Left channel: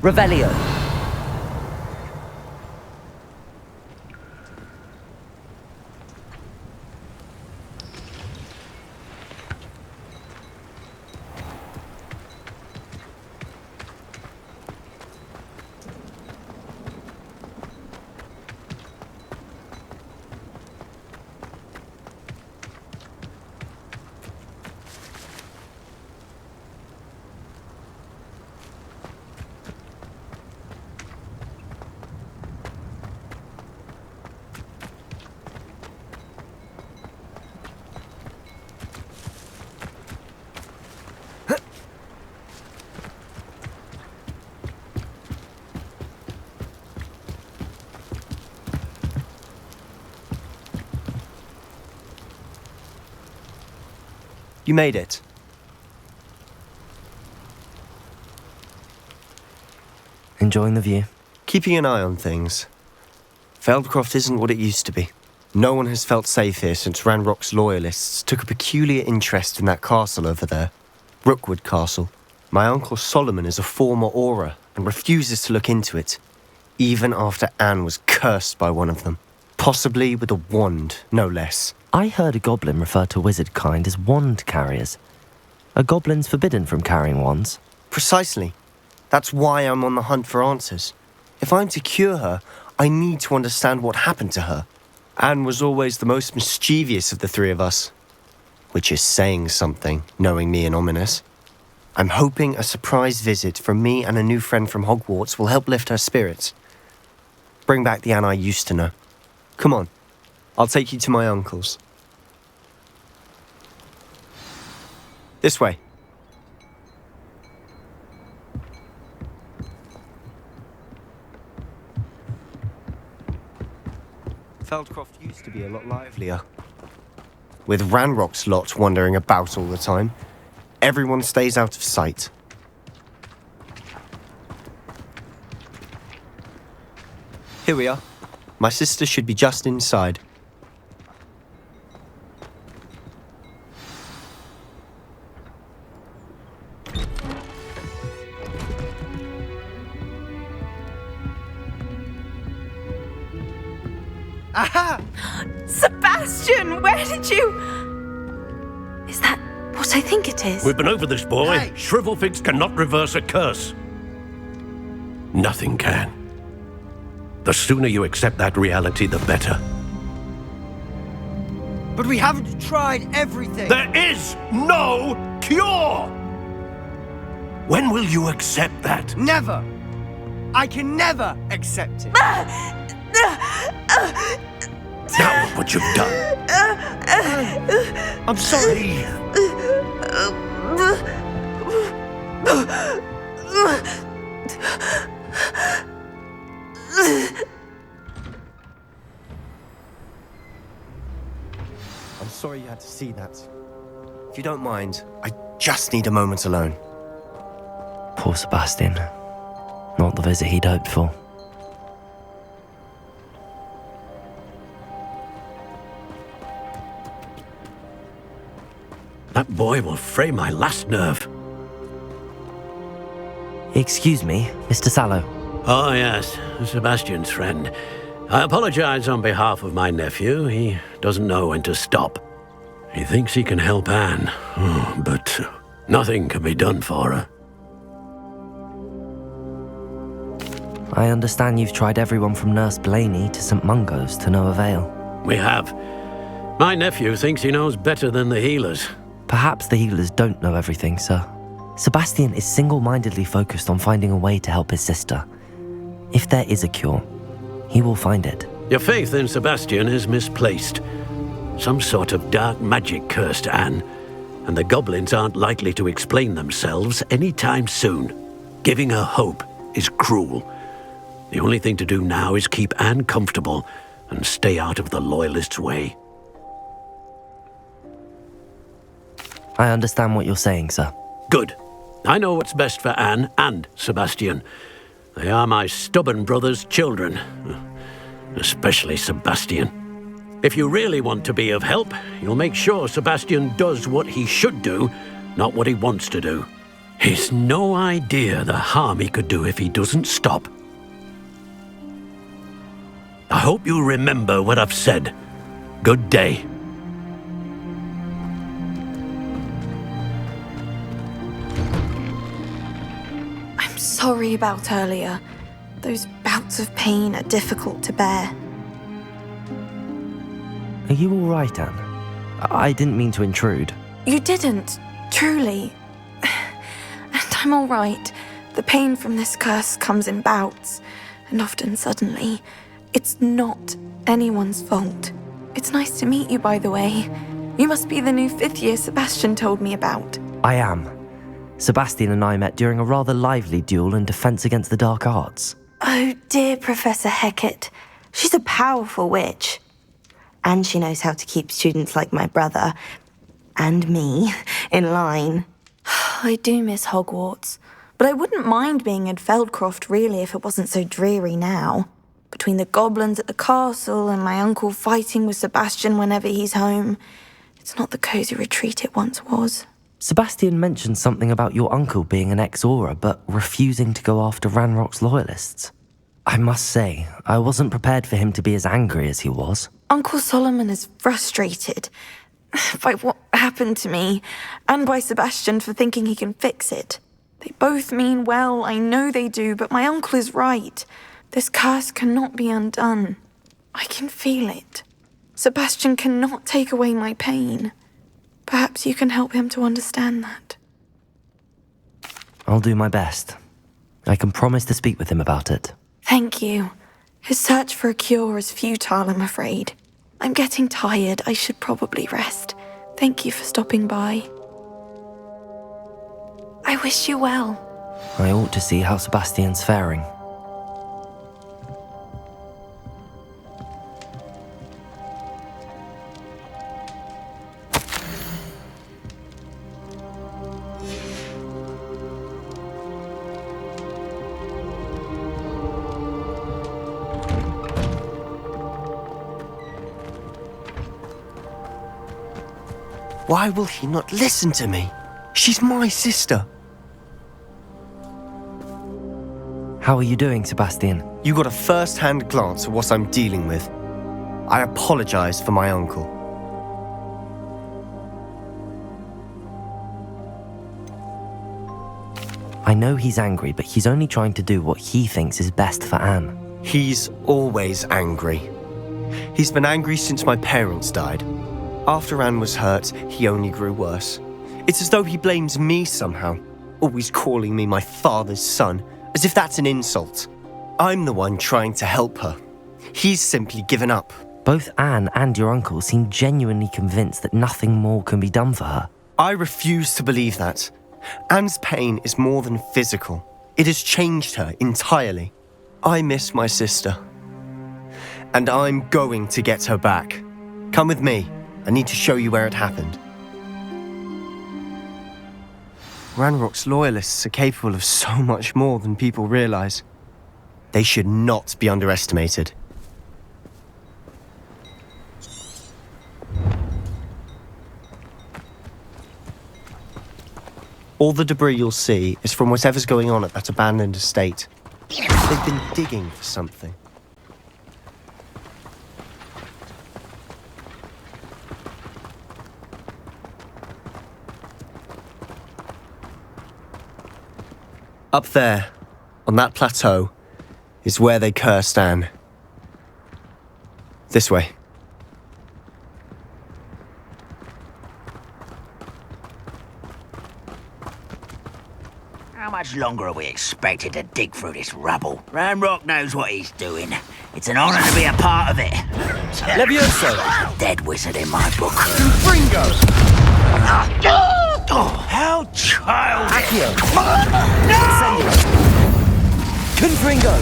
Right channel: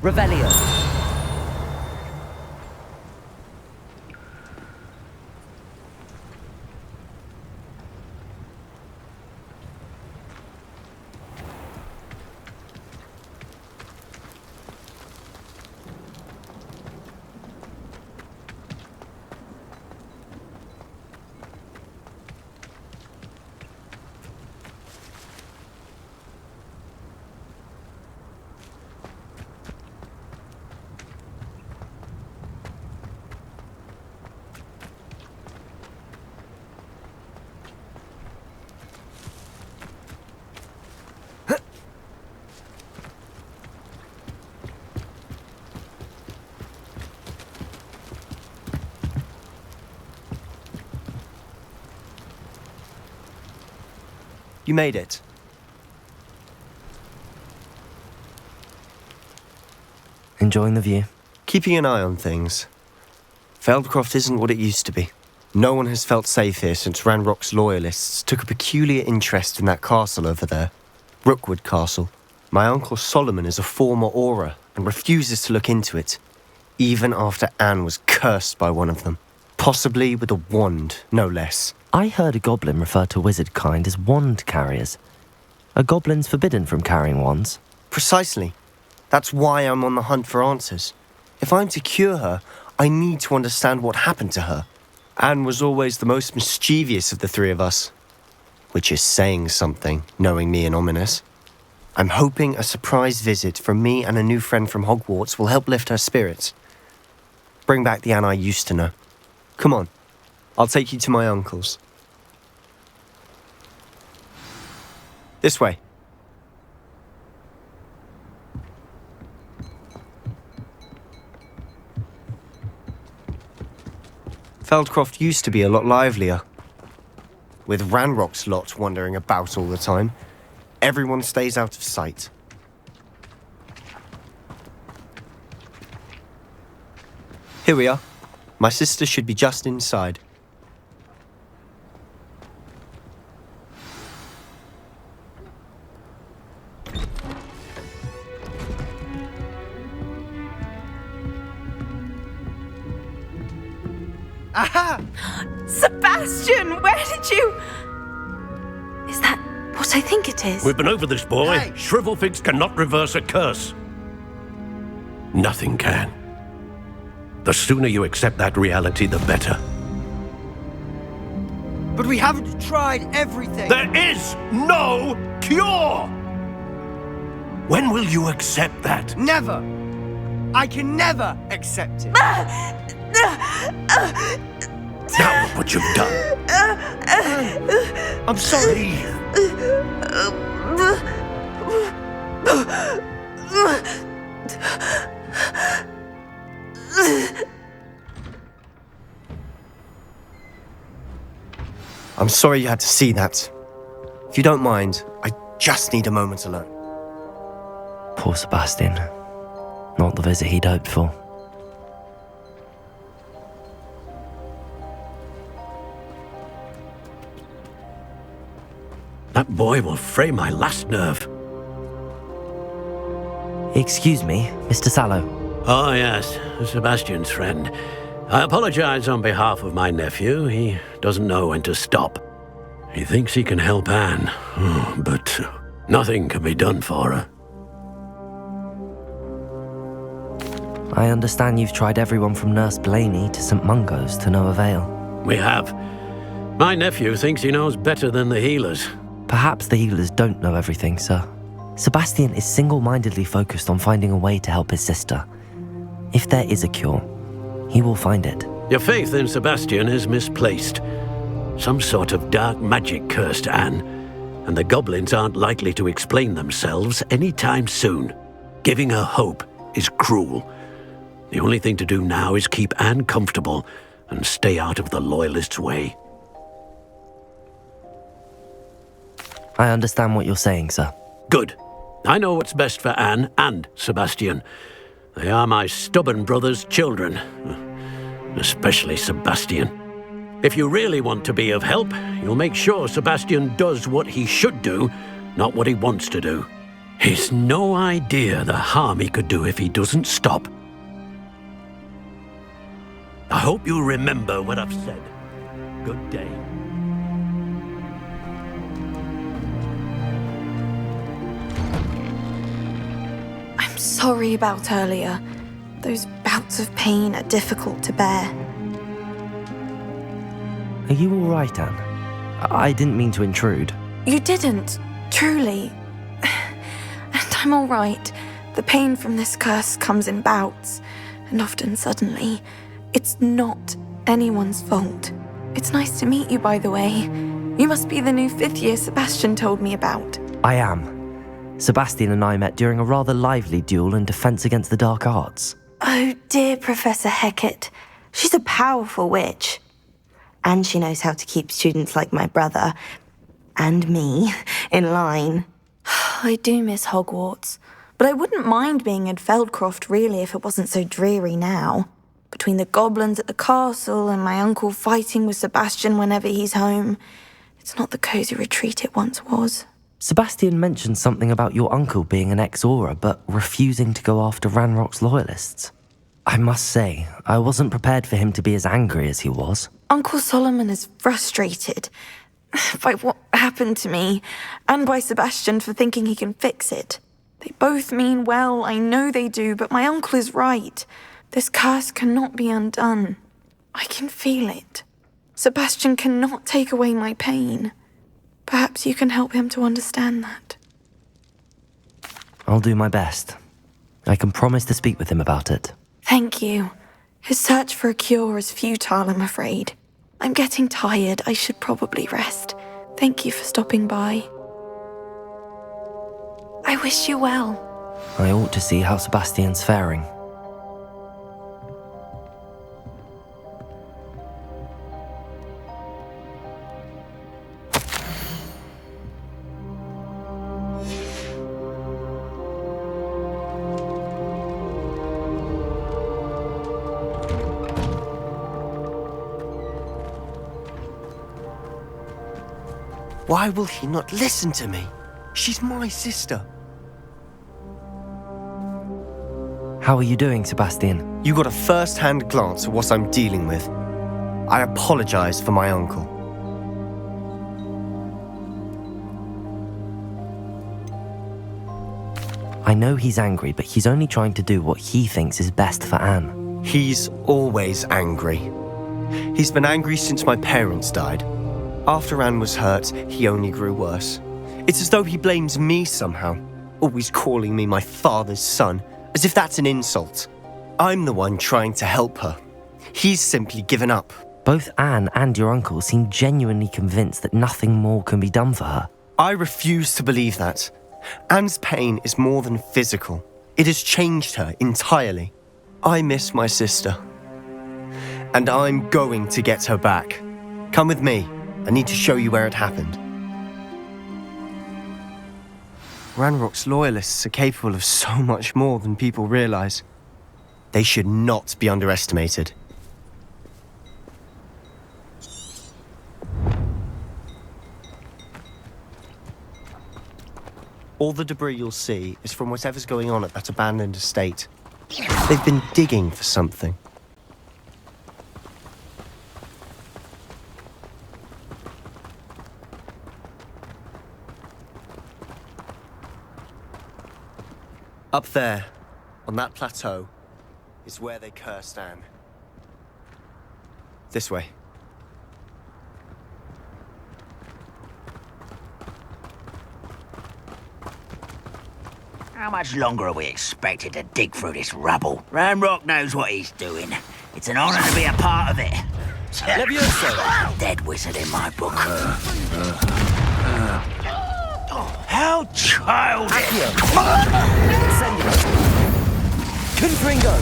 Revelio. You made it. Enjoying the view? Keeping an eye on things. Feldcroft isn't what it used to be. No one has felt safe here since Ranrock's loyalists took a peculiar interest in that castle over there. Rookwood Castle. My uncle Solomon is a former Auror and refuses to look into it, even after Anne was cursed by one of them. Possibly with a wand, no less. I heard a goblin refer to wizard kind as wand carriers. Are goblins forbidden from carrying wands? Precisely. That's why I'm on the hunt for answers. If I'm to cure her, I need to understand what happened to her. Anne was always the most mischievous of the three of us. Which is saying something, knowing me and Ominous. I'm hoping a surprise visit from me and a new friend from Hogwarts will help lift her spirits. Bring back the Anne I used to know. Come on, I'll take you to my uncle's. This way. Feldcroft used to be a lot livelier. With Ranrock's lot wandering about all the time, everyone stays out of sight. Here we are. My sister should be just inside. Aha! Sebastian, where did you... Is that what I think it is? We've been over this, boy. Hey. Shrivelfigs cannot reverse a curse. Nothing can. The sooner you accept that reality, the better. But we haven't tried everything. There is no cure! When will you accept that? Never. I can never accept it. Now look what you've done. I'm sorry. I'm sorry you had to see that. If you don't mind, I just need a moment alone. Poor Sebastian. Not the visit he'd hoped for. That boy will fray my last nerve. Excuse me, Mr. Sallow. Oh, yes, Sebastian's friend. I apologize on behalf of my nephew. He doesn't know when to stop. He thinks he can help Anne, but nothing can be done for her. I understand you've tried everyone from Nurse Blaney to St. Mungo's to no avail. We have. My nephew thinks he knows better than the healers. Perhaps the healers don't know everything, sir. Sebastian is single-mindedly focused on finding a way to help his sister. If there is a cure, he will find it. Your faith in Sebastian is misplaced. Some sort of dark magic cursed Anne, and the goblins aren't likely to explain themselves anytime soon. Giving her hope is cruel. The only thing to do now is keep Anne comfortable and stay out of the Loyalists' way. I understand what you're saying, sir. Good. I know what's best for Anne and Sebastian. They are my stubborn brother's children. Especially Sebastian. If you really want to be of help, you'll make sure Sebastian does what he should do, not what he wants to do. He's no idea the harm he could do if he doesn't stop. I hope you remember what I've said. Good day. I'm sorry about earlier. Those bouts of pain are difficult to bear. Are you all right, Anne? I didn't mean to intrude. You didn't, truly. And I'm all right. The pain from this curse comes in bouts, and often suddenly. It's not anyone's fault. It's nice to meet you, by the way. You must be the new 5th year Sebastian told me about. I am. Sebastian and I met during a rather lively duel in Defense Against the Dark Arts. Oh, dear Professor Hecat. She's a powerful witch. And she knows how to keep students like my brother, and me, in line. I do miss Hogwarts, but I wouldn't mind being in Feldcroft, really, if it wasn't so dreary now. Between the goblins at the castle and my uncle fighting with Sebastian whenever he's home, it's not the cosy retreat it once was. Sebastian mentioned something about your uncle being an ex-Auror, but refusing to go after Ranrock's loyalists. I must say, I wasn't prepared for him to be as angry as he was. Uncle Solomon is frustrated by what happened to me, and by Sebastian for thinking he can fix it. They both mean well, I know they do, but my uncle is right. This curse cannot be undone. I can feel it. Sebastian cannot take away my pain. Perhaps you can help him to understand that. I'll do my best. I can promise to speak with him about it. Thank you. His search for a cure is futile, I'm afraid. I'm getting tired. I should probably rest. Thank you for stopping by. I wish you well. I ought to see how Sebastian's faring. Why will he not listen to me? She's my sister. How are you doing, Sebastian? You got a first-hand glance at what I'm dealing with. I apologize for my uncle. I know he's angry, but he's only trying to do what he thinks is best for Anne. He's always angry. He's been angry since my parents died. After Anne was hurt, he only grew worse. It's as though he blames me somehow, always calling me my father's son, as if that's an insult. I'm the one trying to help her. He's simply given up. Both Anne and your uncle seem genuinely convinced that nothing more can be done for her. I refuse to believe that. Anne's pain is more than physical. It has changed her entirely. I miss my sister. And I'm going to get her back. Come with me. I need to show you where it happened. Ranrock's loyalists are capable of so much more than people realize. They should not be underestimated. All the debris you'll see is from whatever's going on at that abandoned estate. They've been digging for something. Up there, on that plateau, is where they cursed Anne. This way. How much longer are we expected to dig through this rubble? Ranrock knows what he's doing. It's an honor to be a part of it. Levioso! Dead wizard in my book. How childish! Confringo!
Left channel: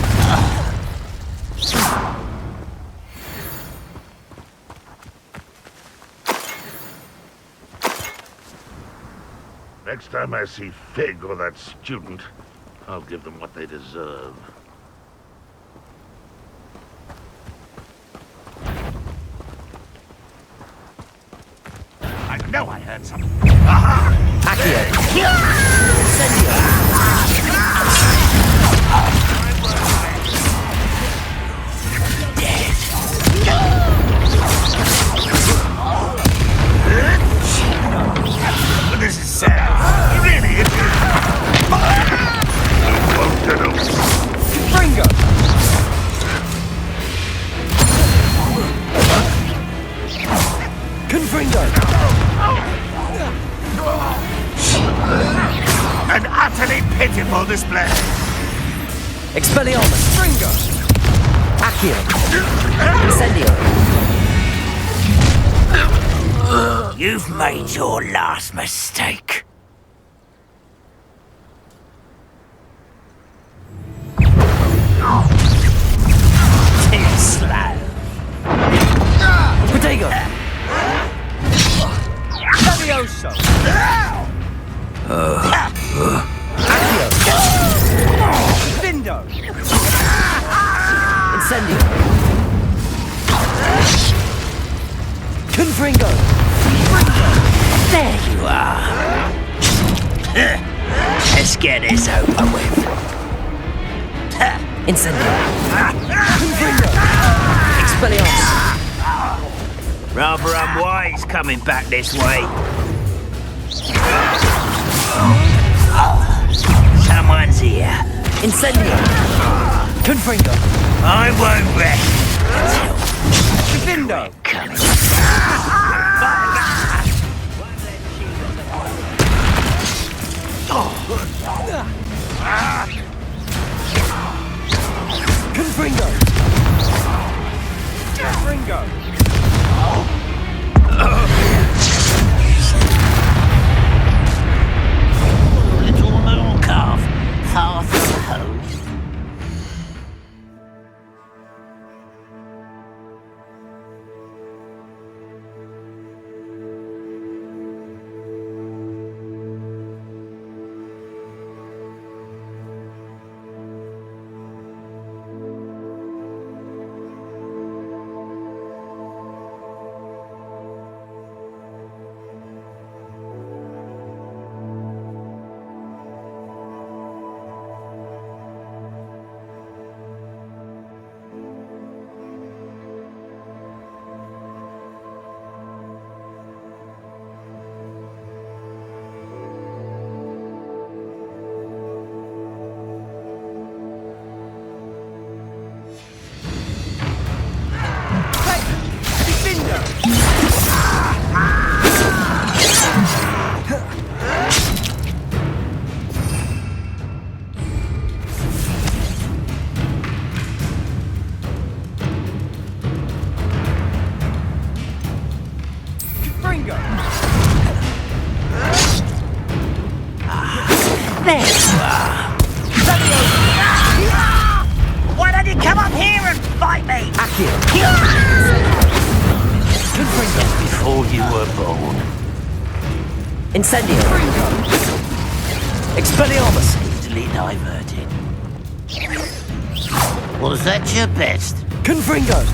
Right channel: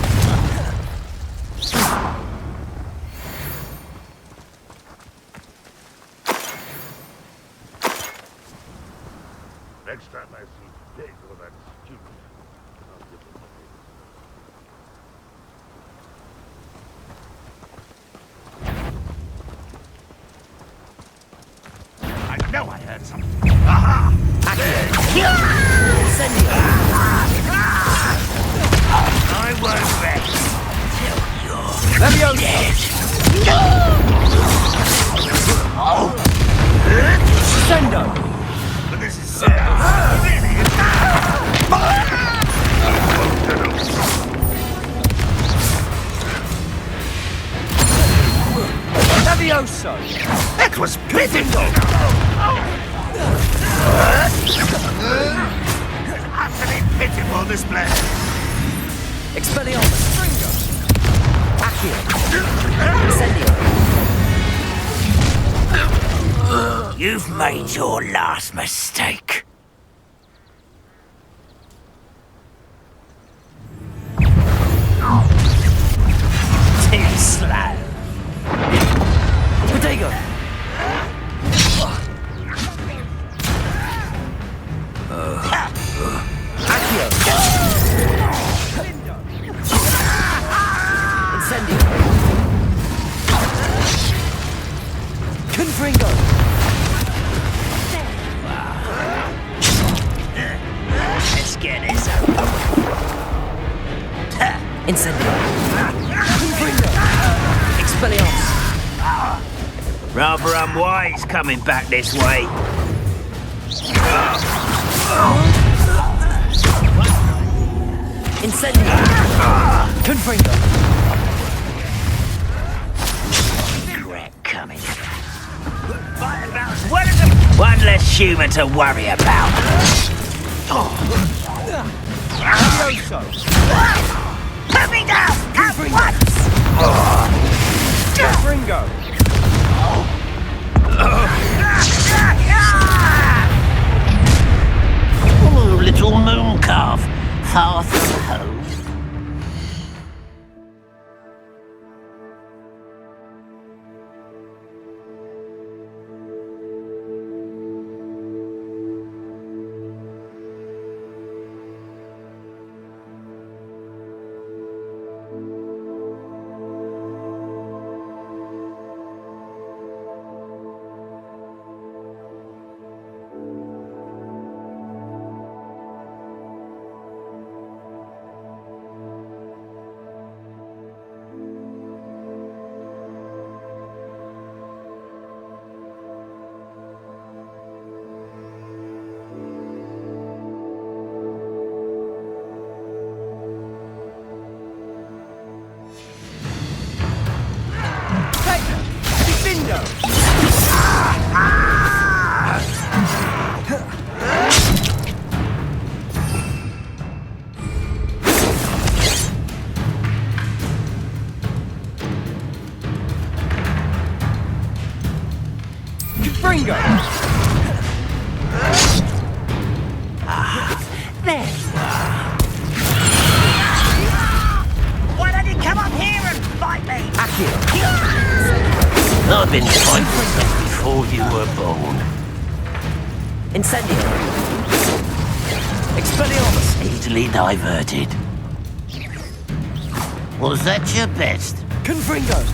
Next time I see Fig or that student, I'll give them what they deserve. I know I heard something. Aha! Accio. Incendio. I won't rest. You're dead. But this is sad. Really, it that was pitiful. An utterly pitiful display. Expelliarmus. Accio. Incendio. You've made your last mistake. Too slow. Protego. Accio. Incendio. Confringo. There you are. Let's get this over with. Incendio. Confringo. Expelliarmus. Rather unwise coming back this way. Someone's here. Incendio. Confringo. I won't rest. Coming. One less human to worry about. Confringo. Oh, little moon calf, far from home. Fringo! There you are. Why don't you come up here and fight me? Accio. I've been fighting this before you were born. Incendio. Expelliarmus. Easily diverted. Was that your best? Confringo.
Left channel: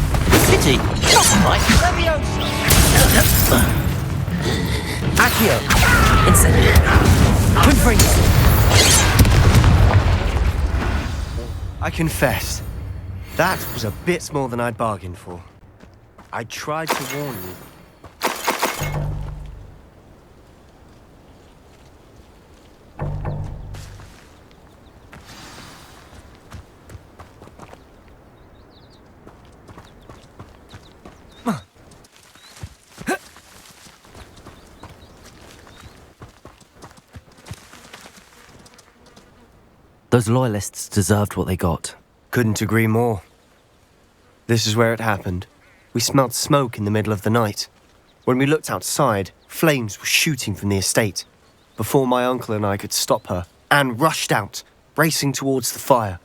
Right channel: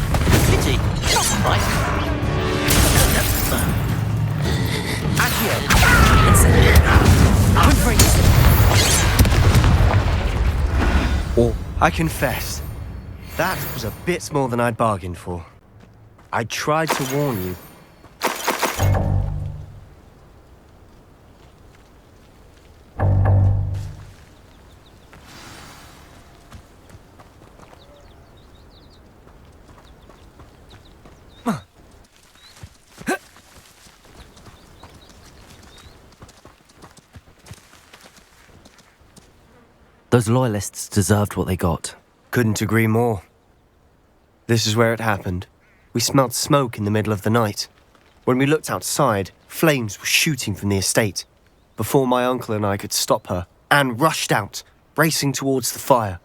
Pity. Not quite. Accio. Incendio. Confringo. I confess, that was a bit more than I'd bargained for. I tried to warn you. Those loyalists deserved what they got. Couldn't agree more. This is where it happened. We smelled smoke in the middle of the night. When we looked outside, flames were shooting from the estate. Before my uncle and I could stop her, Anne rushed out, racing towards the fire,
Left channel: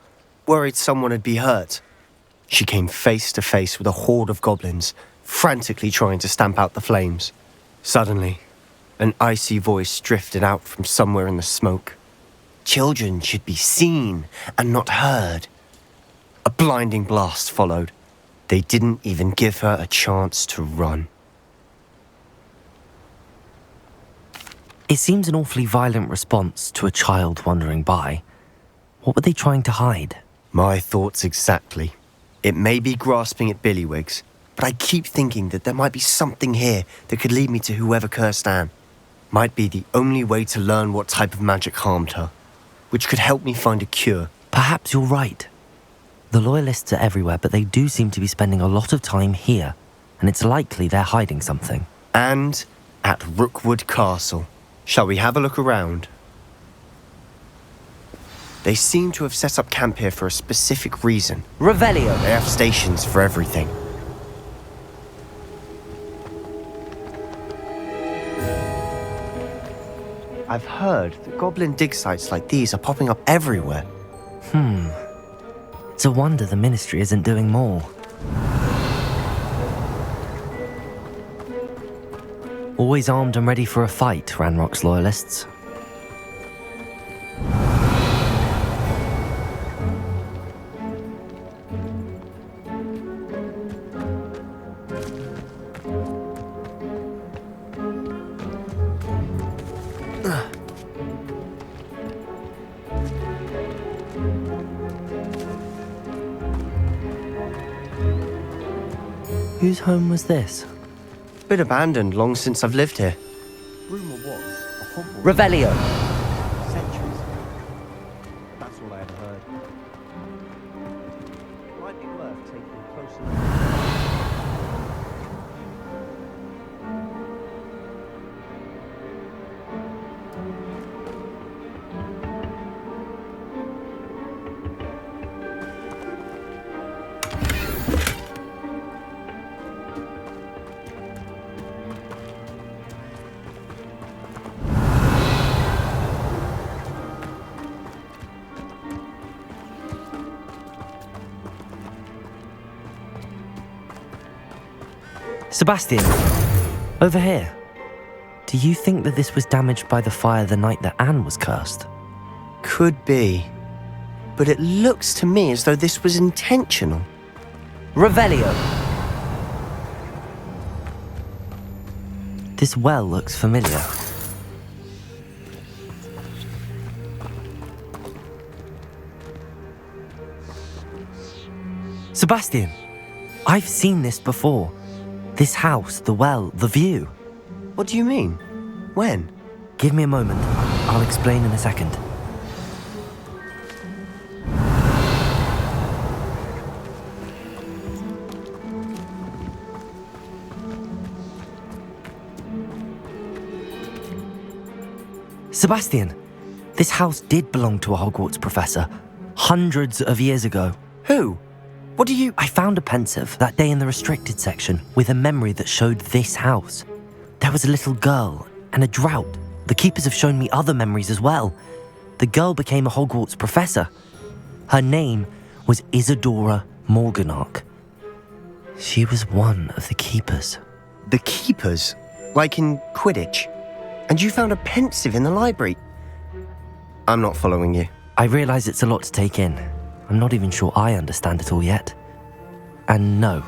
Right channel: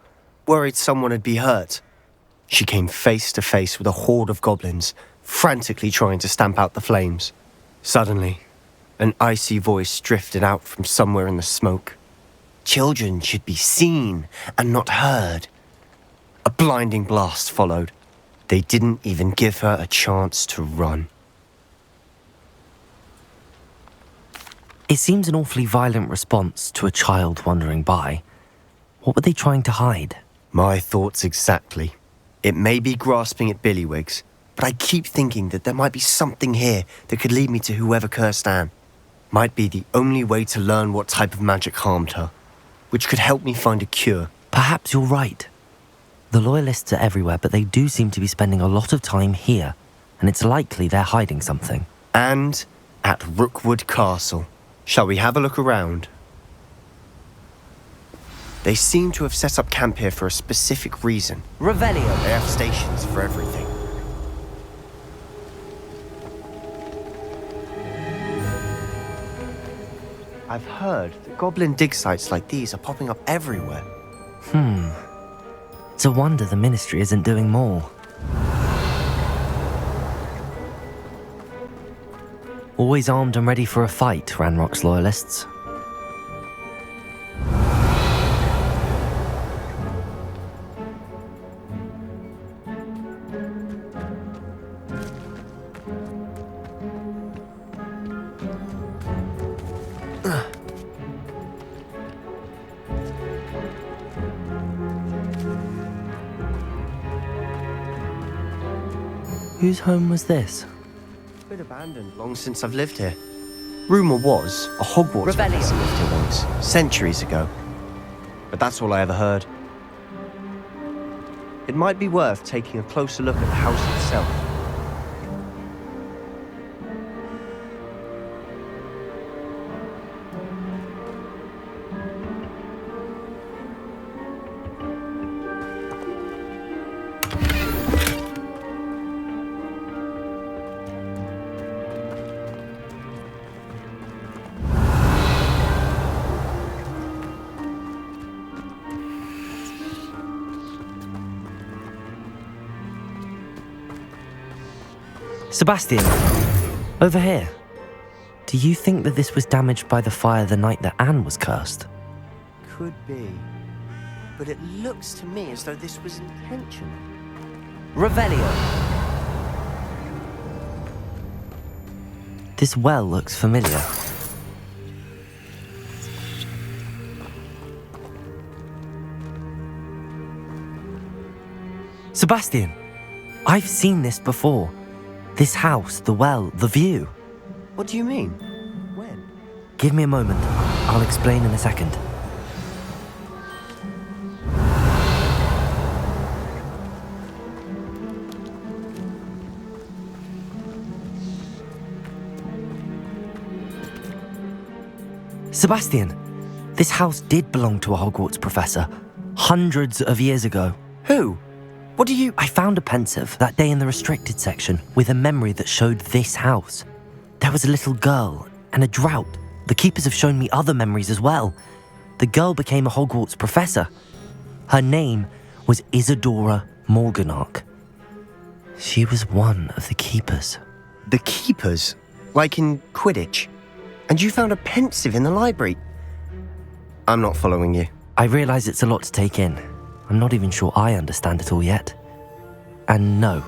worried someone had been hurt. She came face to face with a horde of goblins, frantically trying to stamp out the flames. Suddenly, an icy voice drifted out from somewhere in the smoke. Children should be seen and not heard. A blinding blast followed. They didn't even give her a chance to run. It seems an awfully violent response to a child wandering by. What were they trying to hide? My thoughts exactly. It may be grasping at Billywigs, but I keep thinking that there might be something here that could lead me to whoever cursed Anne. Might be the only way to learn what type of magic harmed her, which could help me find a cure. Perhaps you're right. The Loyalists are everywhere, but they do seem to be spending a lot of time here, and it's likely they're hiding something. And at Rookwood Castle. Shall we have a look around? They seem to have set up camp here for a specific reason. Revelio! They have stations for everything. I've heard that goblin dig sites like these are popping up everywhere. It's a wonder the Ministry isn't doing more. Always armed and ready for a fight, Ranrock's Loyalists. Whose home was this? Been abandoned long since I've lived here. Rumour was a Hogwarts Revelio. centuries ago. But that's all I ever heard. It might be worth taking a closer look at the house itself. Sebastian, over here. Do you think that this was damaged by the fire the night that Anne was cursed? Could be. But it looks to me as though this was intentional. Revelio! This well looks familiar. Sebastian, I've seen this before. This house, the well, the view. What do you mean? When? Give me a moment. I'll explain in a second. Sebastian, this house did belong to a Hogwarts professor, hundreds of years ago. Who? What do you... I found a pensive that day in the restricted section with a memory that showed this house. There was a little girl and a drought. The keepers have shown me other memories as well. The girl became a Hogwarts professor. Her name was Isadora Morganach. She was one of the keepers. The keepers? Like in Quidditch? And you found a pensive in the library? I'm not following you. I realise it's a lot to take in. I'm not even sure I understand it all yet. And no,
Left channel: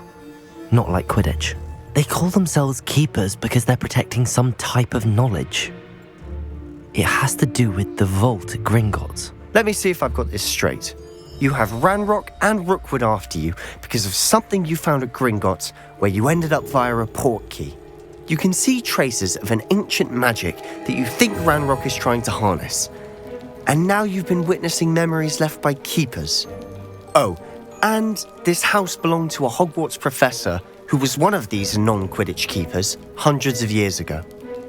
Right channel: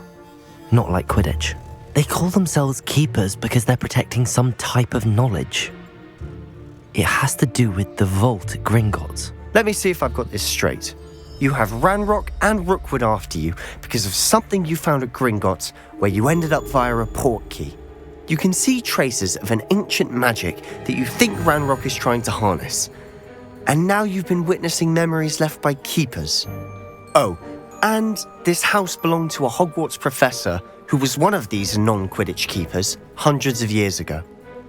not like Quidditch. They call themselves keepers because they're protecting some type of knowledge. It has to do with the vault at Gringotts. Let me see if I've got this straight. You have Ranrock and Rookwood after you because of something you found at Gringotts where you ended up via a portkey. You can see traces of an ancient magic that you think Ranrock is trying to harness. And now you've been witnessing memories left by keepers. Oh, and this house belonged to a Hogwarts professor who was one of these non-Quidditch keepers hundreds of years ago.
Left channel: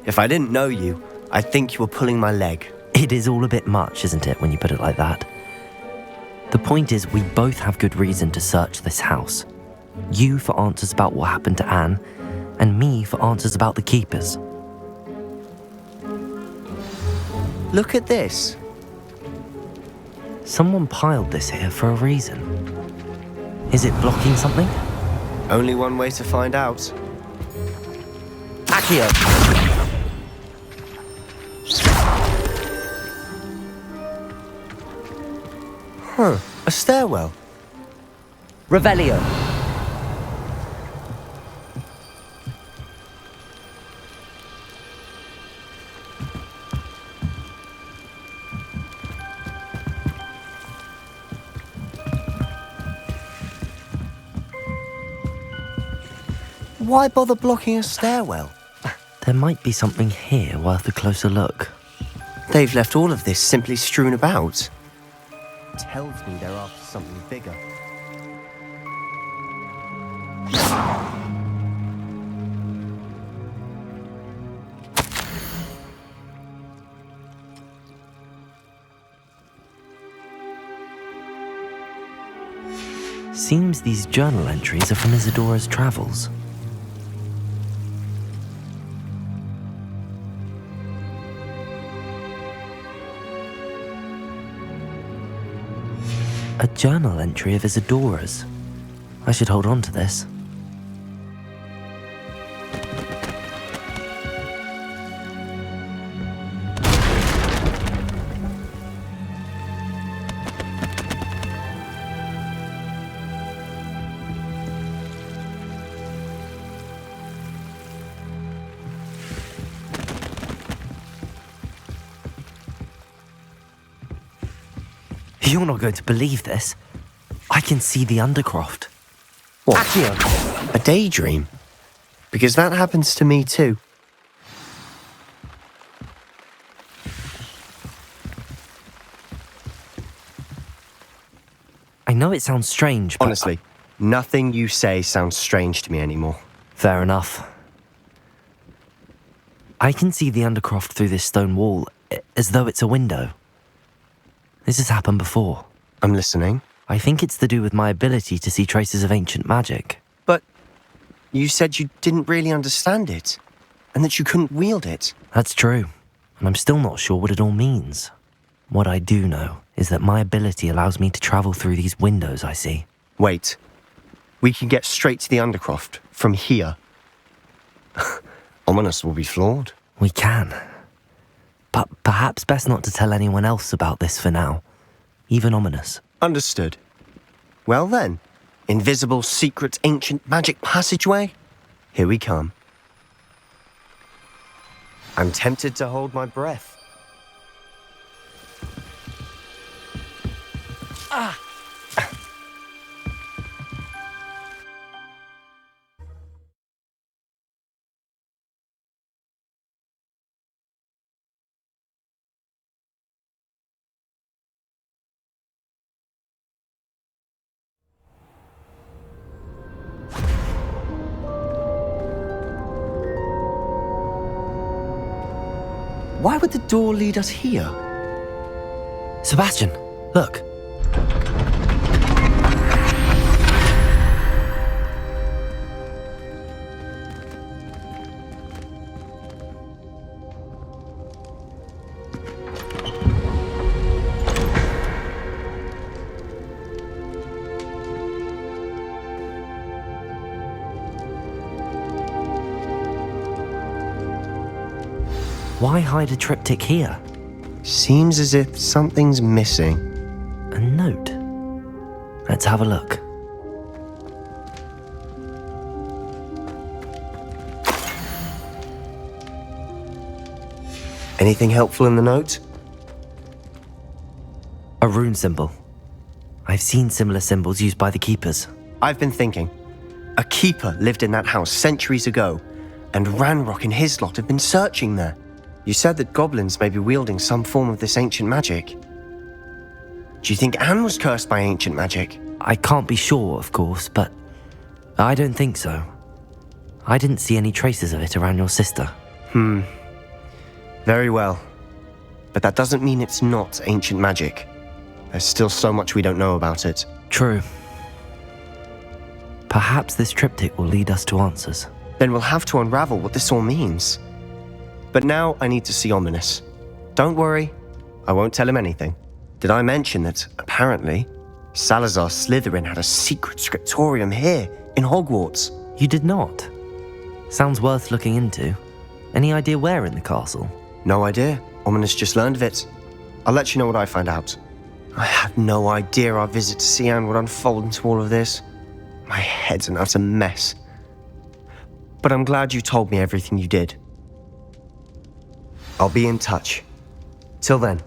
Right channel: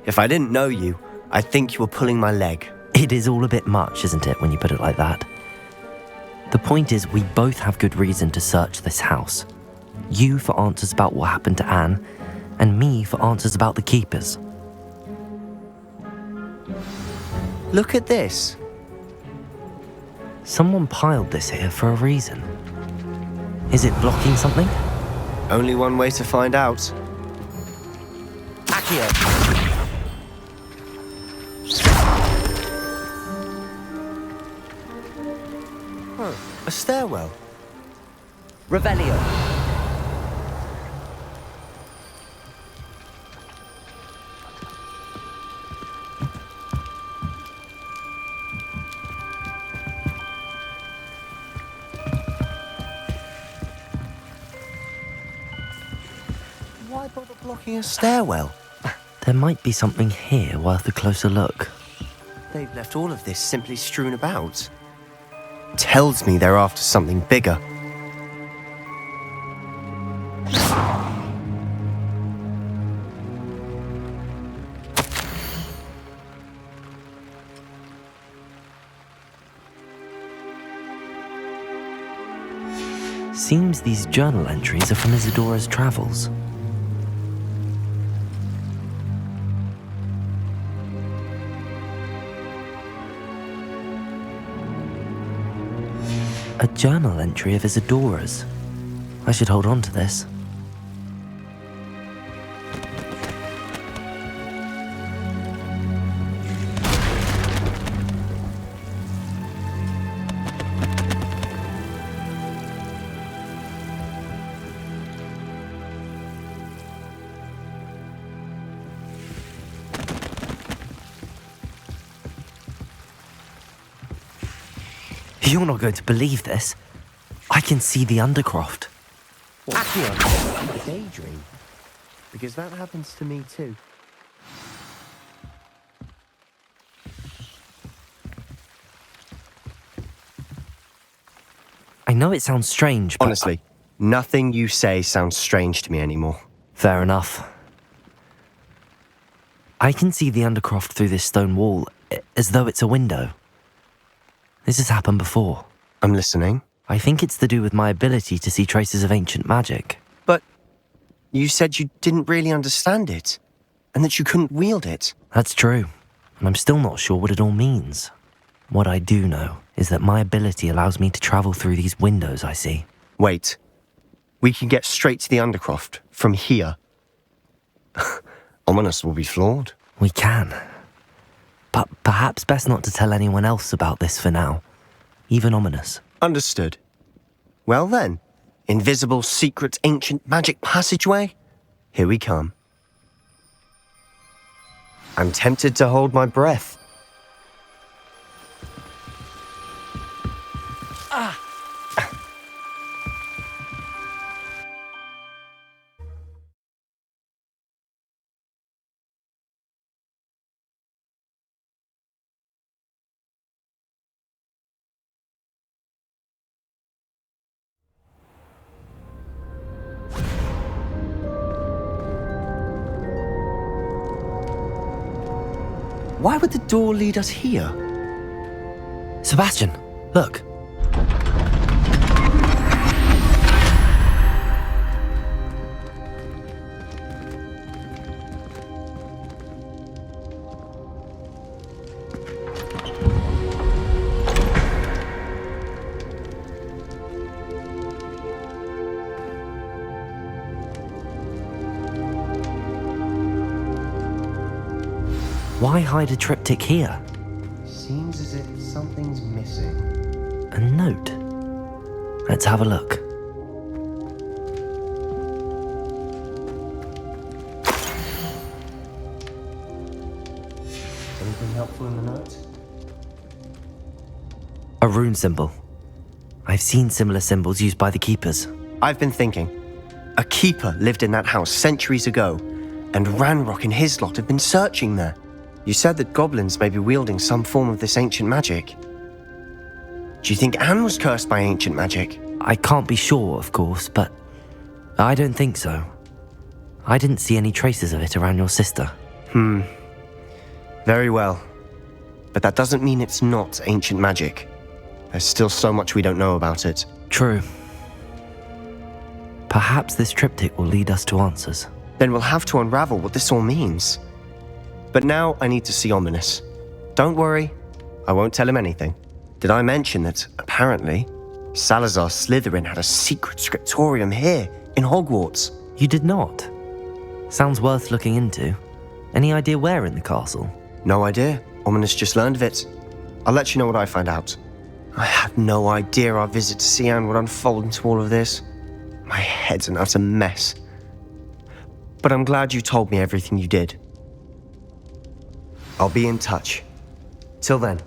If I didn't know you, I'd think you were pulling my leg. It is all a bit much, isn't it, when you put it like that? The point is, we both have good reason to search this house. You for answers about what happened to Anne, and me for answers about the keepers. Look at this. Someone piled this here for a reason. Is it blocking something? Only one way to find out. Accio! Huh, a stairwell. Revelio! Why bother blocking a stairwell? There might be something here worth a closer look. They've left all of this simply strewn about. Tells me they're after something bigger. Seems these journal entries are from Isadora's travels. A journal entry of Isadora's. I should hold on to this. You're not going to believe this. I can see the Undercroft. What? A daydream? Because that happens to me too. I know it sounds strange, but... Honestly, nothing you say sounds strange to me anymore. Fair enough. I can see the Undercroft through this stone wall, as though it's a window. This has happened before. I'm listening. I think it's to do with my ability to see traces of ancient magic. But you said you didn't really understand it, and that you couldn't wield it. That's true, and I'm still not sure what it all means. What I do know is that my ability allows me to travel through these windows I see. Wait. We can get straight to the Undercroft from here. Ominous will be floored. We can. But perhaps best not to tell anyone else about this for now. Even Ominous. Understood. Well then, invisible, secret, ancient magic passageway? Here we come. I'm tempted to hold my breath. Why would the door lead us here? Sebastian, look. Why hide a triptych here? Seems as if something's missing. A note. Let's have a look. Anything helpful in the note? A rune symbol. I've seen similar symbols used by the keepers. I've been thinking. A keeper lived in that house centuries ago, and Ranrock and his lot have been searching there. You said that goblins may be wielding some form of this ancient magic. Do you think Anne was cursed by ancient magic? I can't be sure, of course, but I don't think so. I didn't see any traces of it around your sister. Very well. But that doesn't mean it's not ancient magic. There's still so much we don't know about it. True. Perhaps this triptych will lead us to answers. Then we'll have to unravel what this all means. But now I need to see Ominous. Don't worry, I won't tell him anything. Did I mention that, apparently, Salazar Slytherin had a secret scriptorium here, in Hogwarts? You did not? Sounds worth looking into. Any idea where in the castle? No idea. Ominous just learned of it. I'll let you know what I find out. I had no idea our visit to Cian would unfold into all of this. My head's an utter mess. But I'm glad you told me everything you did. I'll be in touch. Till then.